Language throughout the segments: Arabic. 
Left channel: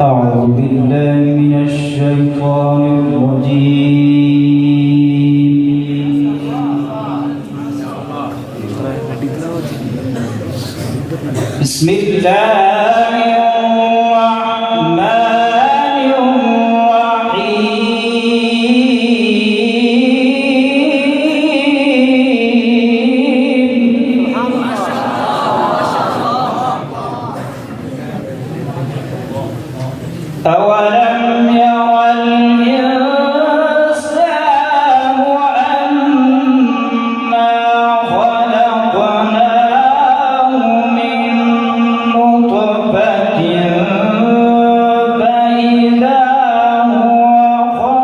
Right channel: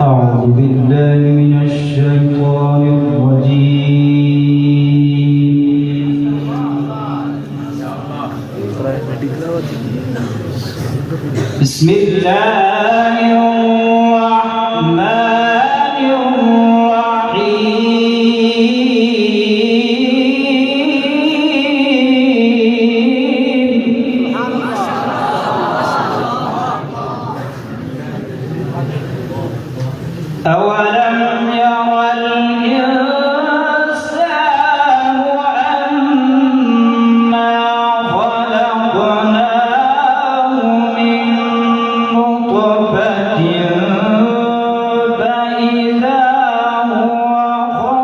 أعوذ بالله من الشيطان الرجيم بسم الله الرحمن الرحيم أولم ير الإنسان أنا خلقناه من نطفة فإذا هو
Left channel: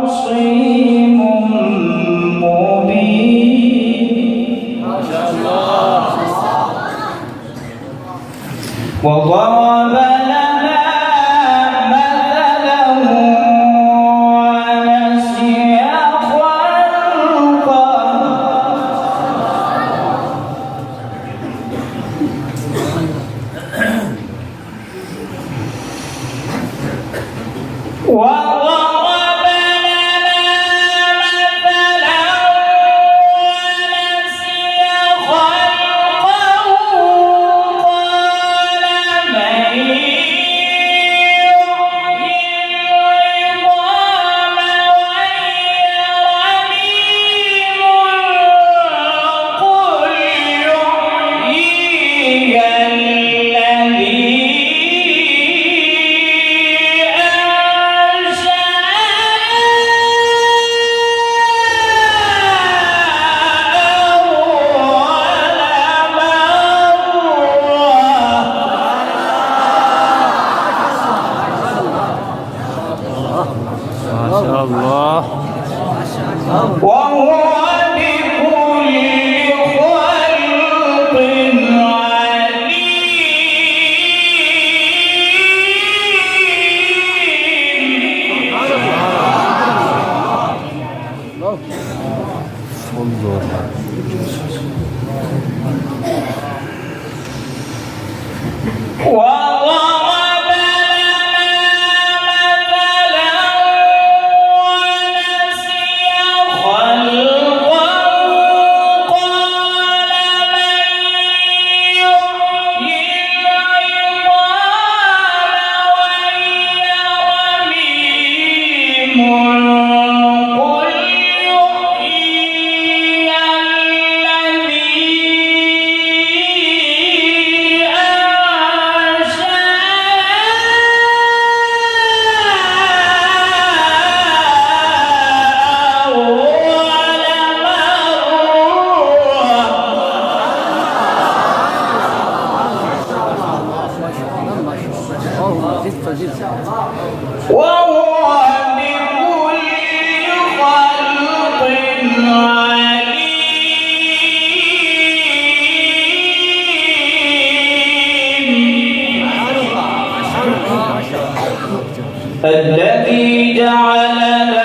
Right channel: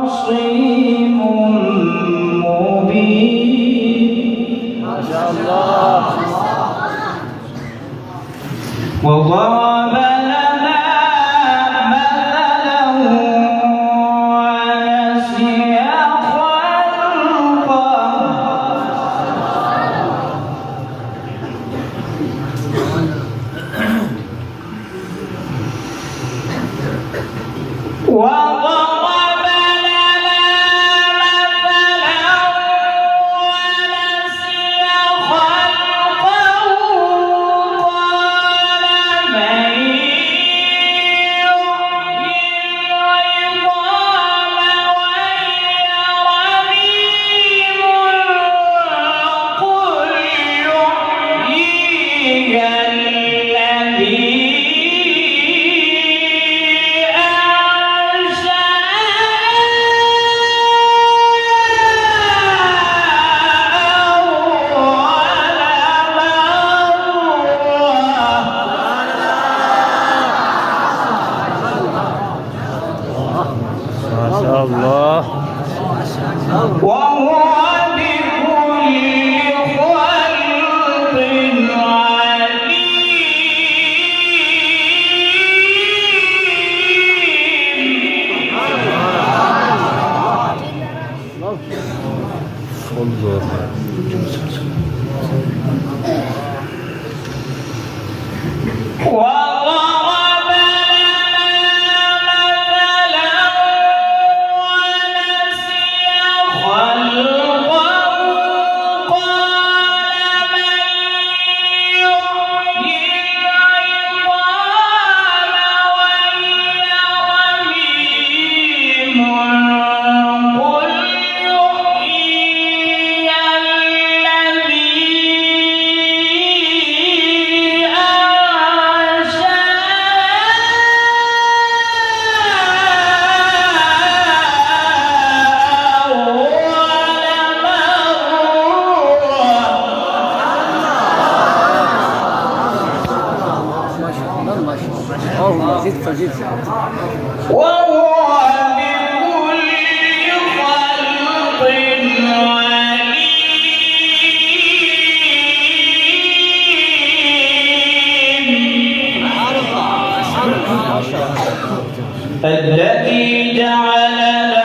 خصيم مبين وضرب لنا مثلا ونسي خلقه وضرب لنا مثلا ونسي خلقه قال من يحيي العظام وهي رميم قل يحييها الذي ما شاء الله وهو بكل خلق انظر وضرب لنا مثلا ونسي خلقه قال من يحيي العظام وهي رميم قل يحييها وهو بكل خلق عليم الذي جعل